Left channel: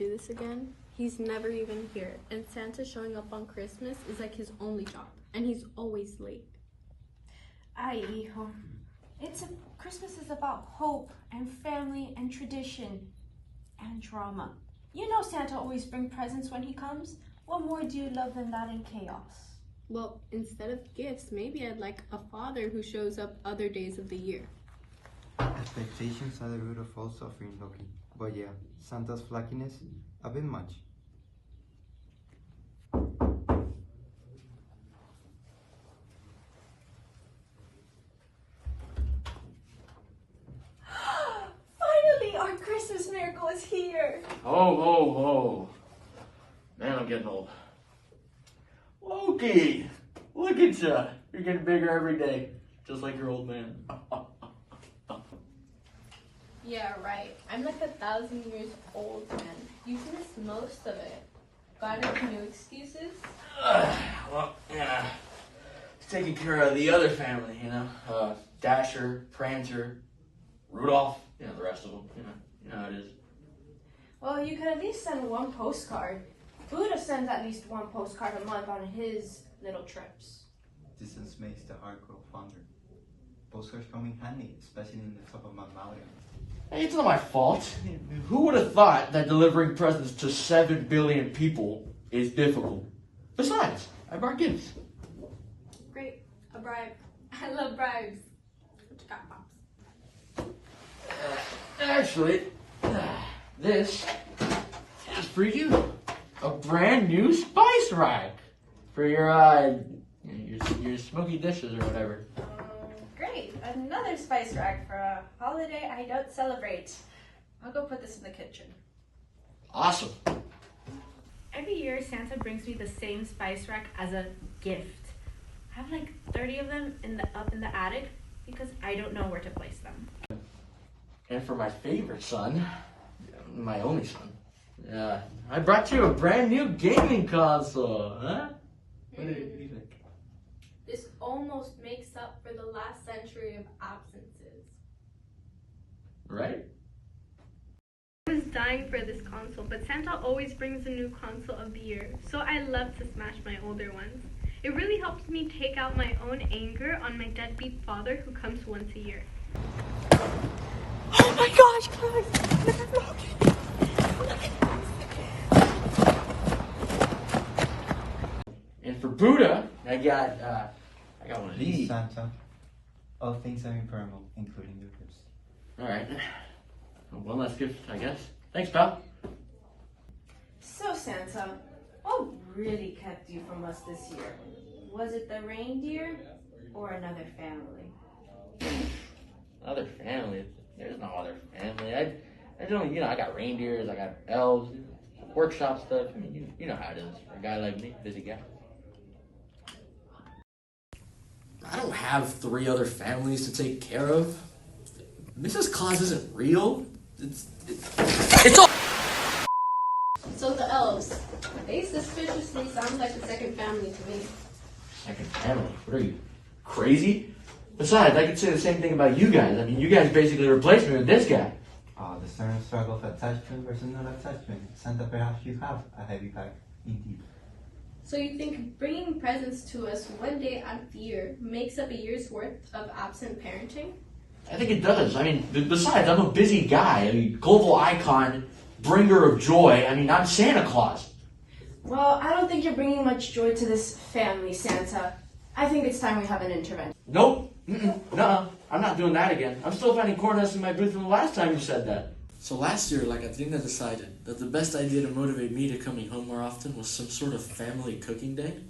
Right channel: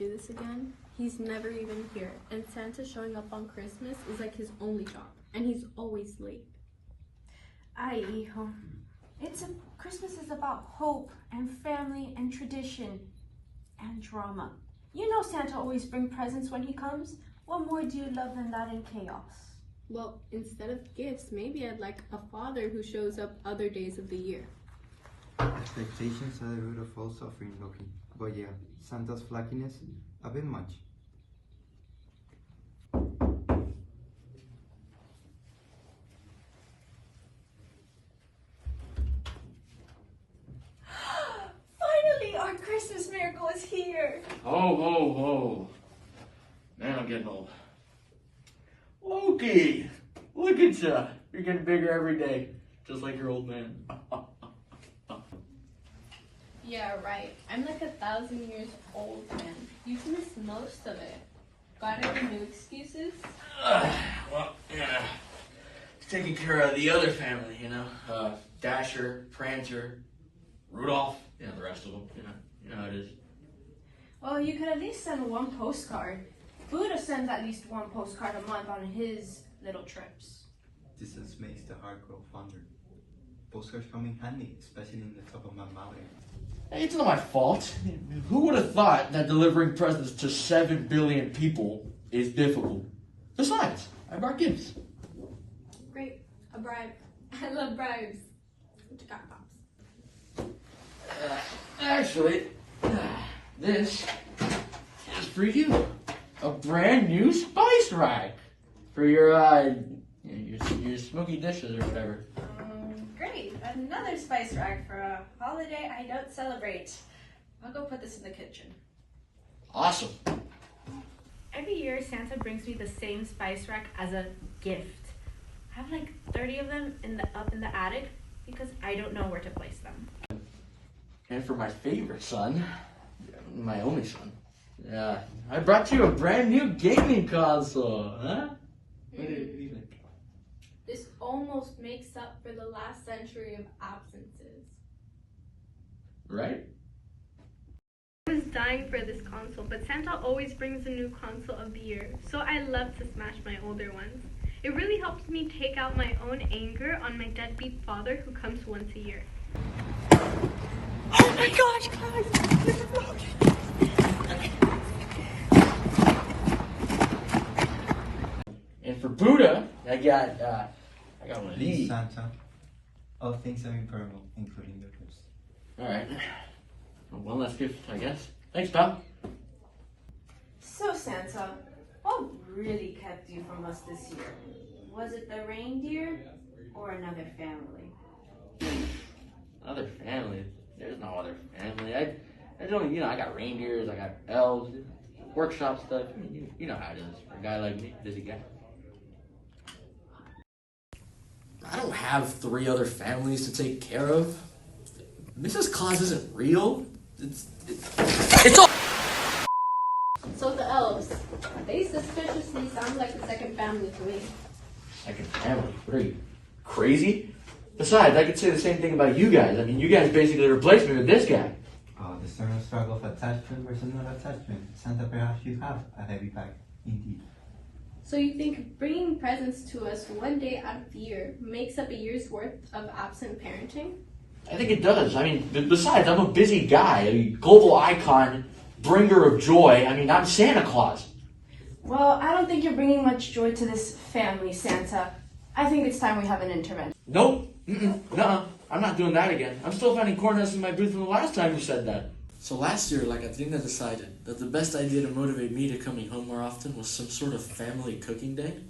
do this again. He's never even here, and Santa showing up on Christmas is like his only job, and he's always late. Ay, hijo. Christmas is about hope and family and tradition and drama. You know Santa always brings presents when he comes. What more do you love than that in chaos? Well, instead of gifts, maybe I'd like a father who shows up other days of the year. Expectations are the root of all suffering, Loki. But yeah, Santa's flackiness, a bit much. Finally, our Christmas miracle is here. Ho, ho, ho. Man, I'm getting old. Loki, look at ya. You're getting bigger every day, just like your old man. Yeah, right. I'm like 1,000 years old, man. You've missed most of it. Got any new excuses? Well, yeah. Taking care of the other family, you know. Dasher, Prancer, Rudolph, you know, the rest of them, you know how it is. Well, you could at least send one postcard. Buddha sends at least one postcard a month on his little trips. Distance makes the heart grow fonder. Postcards come in handy, especially in the top of my mountain. Hey, it's not my fault. Who would have thought that delivering presents to 7 billion people is difficult? Besides, I brought gifts. Great. A bribe. I love bribes. What you got, Pops? Actually, this is for you. A brand new spice rack for your smoky dishes or whatever. Great, another spice rack for a holiday I don't celebrate. I'll go put this in the kitchen. Awesome. Every year Santa brings me the same spice rack as a gift. I have like 30 of them up in the attic because I don't know where to place them. And for my favorite son, my only son, I brought you a brand new gaming console, huh? What do you think? This almost makes up for the last century of absences. Right? I was dying for this console, but Santa always brings a new console of the year, so I love to smash my older ones. It really helps me take out my own anger on my deadbeat father who comes once a year. Oh my gosh! And for Buddha, I got one of these. Santa, all things are impermanent, including the gifts. All right. One last gift, I guess. Thanks, pal. So Santa, what really kept you from us this year? Was it the reindeer or another family? Other family? There's no other family. I don't, I got reindeers, I got elves, workshop stuff. I mean, you know how it is for a guy like me, busy guy. I don't have 3 other families to take care of. Mrs. Claus isn't real. It's all. So the elves, they suspiciously sound like a second family to me. Second family? What are you, crazy? Besides, I could say the same thing about you guys. I mean, you guys basically replaced me with this guy. The stern struggle of attachment versus non-attachment. Santa, perhaps you have a heavy bag, indeed. So you think bringing presents to us one day out of the year makes up a year's worth of absent parenting? I think it does. I mean, besides, I'm a busy guy. I mean, global icon, bringer of joy. I mean, I'm Santa Claus. Well, I don't think you're bringing much joy to this family, Santa. I think it's time we have an intervention. Nope. Nuh-uh. I'm not doing that again. I'm still finding corn nuts in my booth from the last time you said that. So last year, Katrina decided that the best idea to motivate me to coming home more often was some sort of family cooking day.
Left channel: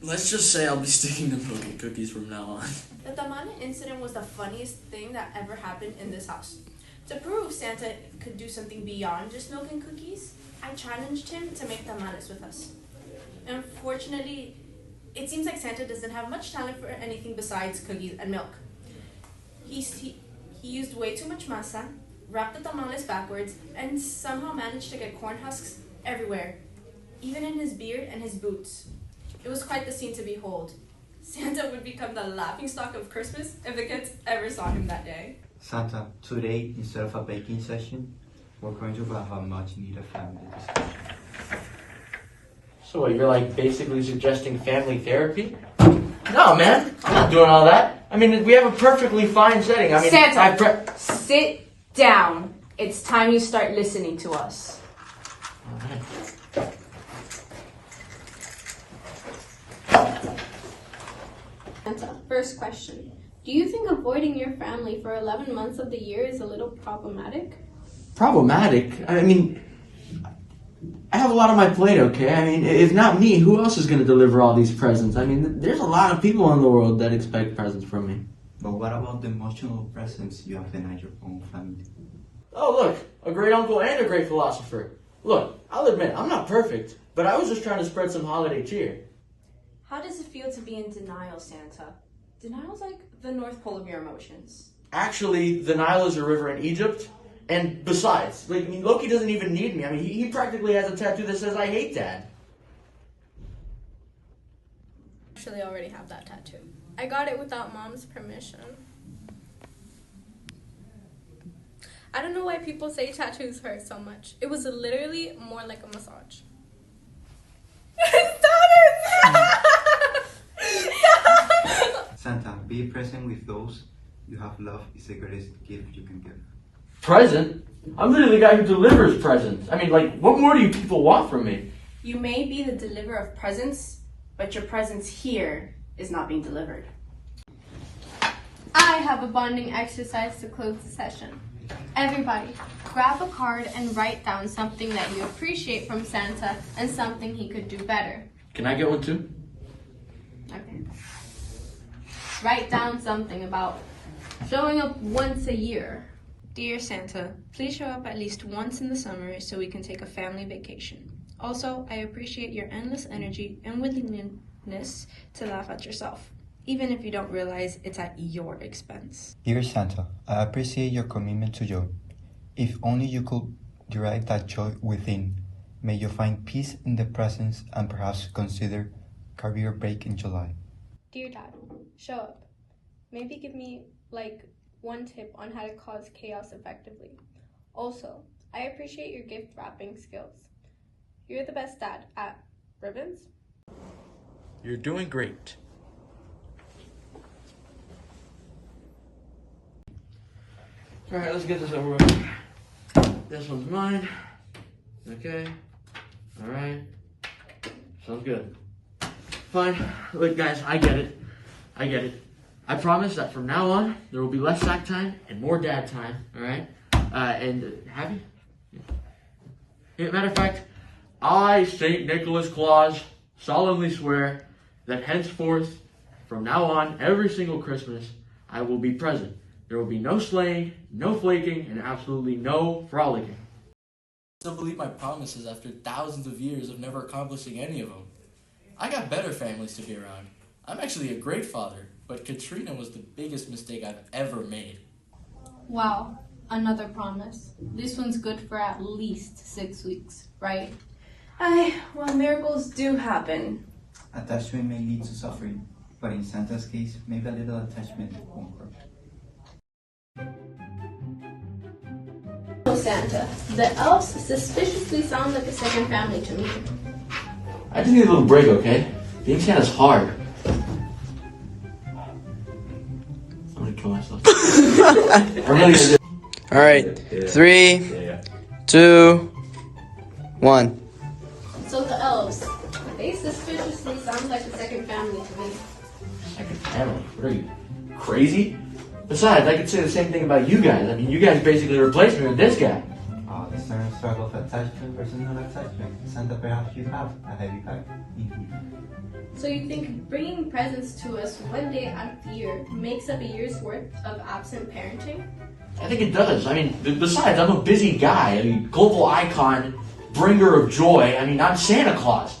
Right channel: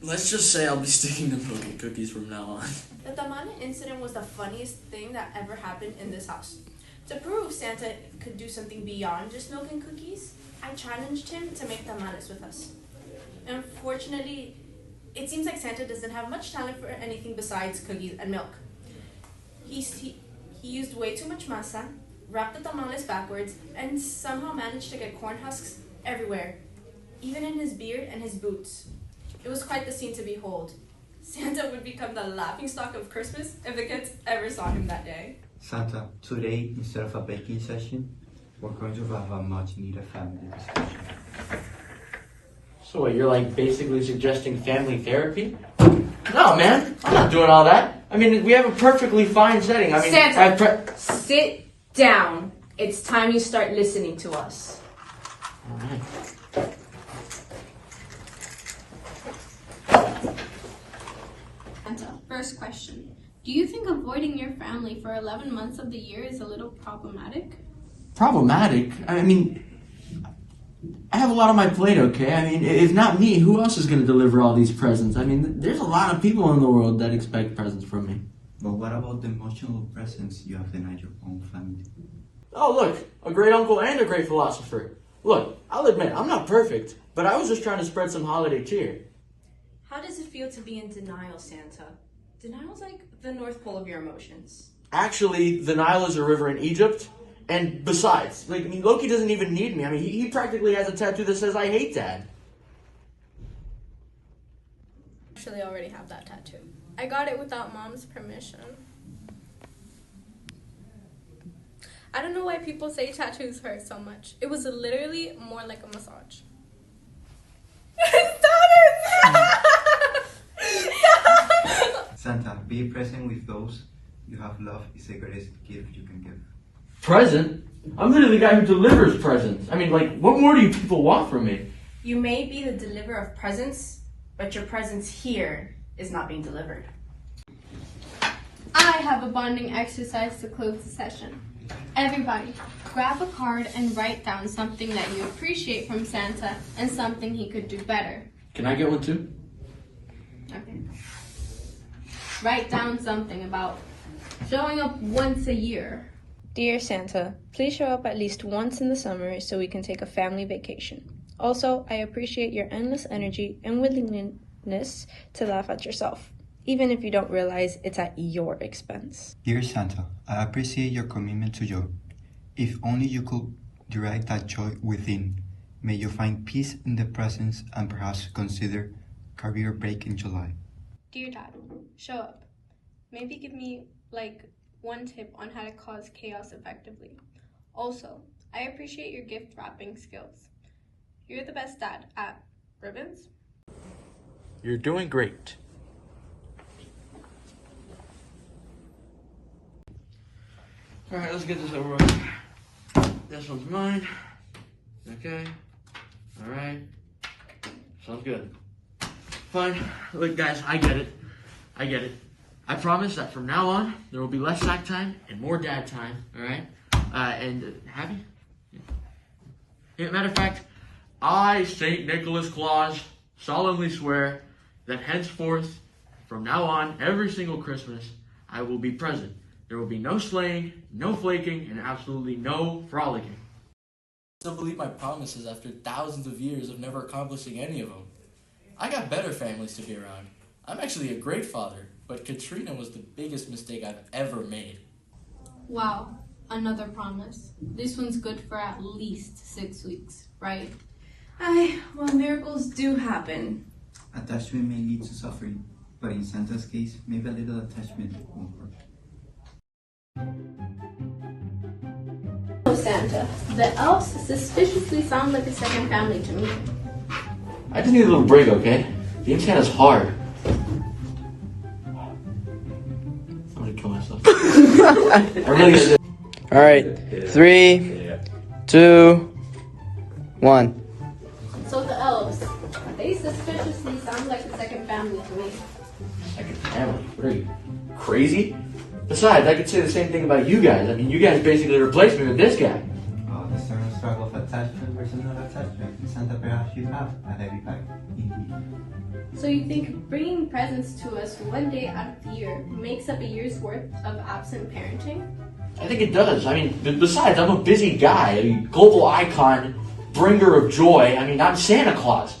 Let's just say I'll be sticking to milk and cookies from now on. The tamale incident was the funniest thing that ever happened in this house. To prove Santa could do something beyond just milk and cookies, I challenged him to make tamales with us. Unfortunately, it seems like Santa doesn't have much talent for anything besides cookies and milk. He used way too much masa, wrapped the tamales backwards, and somehow managed to get corn husks everywhere, even in his beard and his boots. It was quite the scene to behold. Santa would become the laughingstock of Christmas if the kids ever saw him that day. Santa, today, instead of a baking session, We're going to have a much needed family discussion. So what, you're like basically suggesting family therapy? No, man, I'm not doing all that. I mean, we have a perfectly fine setting. I mean, Santa, sit down. It's time you start listening to us. Oh, man. Santa, first question. Do you think avoiding your family for 11 months of the year is a little problematic? Problematic? I mean, I have a lot on my plate, okay? I mean, if not me, who else is going to deliver all these presents? I mean, there's a lot of people in the world that expect presents from me. But what about the emotional presence you have denied your own family? Oh, look, a great uncle and a great philosopher. Look, I'll admit, I'm not perfect, but I was just trying to spread some holiday cheer. How does it feel to be in denial, Santa? Denial's like the North Pole of your emotions. Actually, the Nile is a river in Egypt, and besides, like, I mean, Loki doesn't even need me. I mean, he practically has a tattoo that says, "I hate Dad." Actually, I already have that tattoo. I got it without Mom's permission. I don't know why people say tattoos hurt so much. It was literally more like a massage. Stop it! Santa, be present with those you have loved is the greatest gift you can give. Present? I'm literally the guy who delivers presents. I mean, like, what more do you people want from me? You may be the deliverer of presents, but your presence here is not being delivered. I have a bonding exercise to close the session. Everybody, grab a card and write down something that you appreciate from Santa and something he could do better. Can I get one too? Okay. Write down something about showing up once a year. Dear Santa, please show up at least once in the summer so we can take a family vacation. Also, I appreciate your endless energy and willingness to laugh at yourself, even if you don't realize it's at your expense. Dear Santa, I appreciate your commitment to joy. If only you could derive that joy within. May you find peace in the presence and perhaps consider career break in July. Dear Dad, show up. Maybe give me one tip on how to cause chaos effectively. Also, I appreciate your gift wrapping skills. You're the best dad at ribbons. You're doing great. Alright, let's get this over with. This one's mine. Okay. Alright. Sounds good. Fine. Look, guys, I get it. I promise that from now on, there will be less sack time and more dad time, alright? And happy? Yeah, matter of fact, I, St. Nicholas Claus, solemnly swear that henceforth, from now on, every single Christmas, I will be present. There will be no sleighing, no flaking, and absolutely no frolicking. I still believe my promises after thousands of years of never accomplishing any of them. I got better families to be around. I'm actually a great father, but Katrina was the biggest mistake I've ever made. Wow, another promise. This one's good for at least 6 weeks, right? Well, miracles do happen. Attachment may lead to suffering, but in Santa's case, maybe a little attachment won't hurt. Santa, the elves suspiciously sound like a second family to me. I just need a little break, okay? Being Santa's hard. I'm gonna kill myself. I really gotta do. All right, 3, 2, 1. So the elves, they suspiciously sound like a second family to me. Second family? What are you, crazy? Besides, I could say the same thing about you guys. I mean, you guys basically replaced me with this guy. Oh, the eternal struggle of attachment versus non-attachment. Santa, perhaps you have a heavy pack. Indeed. So you think bringing presents to us one day out of the year makes up a year's worth of absent parenting? I think it does. I mean, besides, I'm a busy guy. I mean, global icon, bringer of joy. I mean, I'm Santa Claus.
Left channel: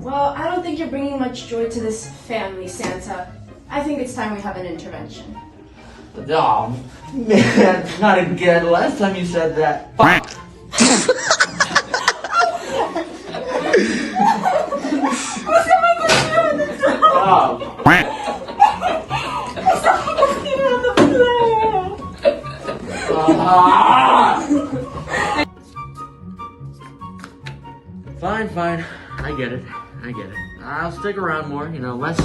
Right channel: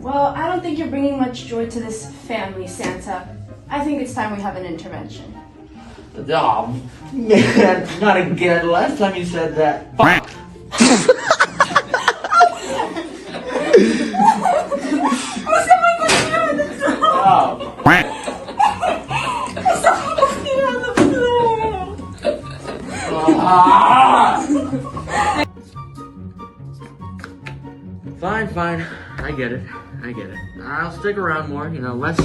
Well, I don't think you're bringing much joy to this family, Santa. I think it's time we have an intervention. Oh, man, not again. Last time you said that. Oh. Fine, fine. I get it. I'll stick around more, less.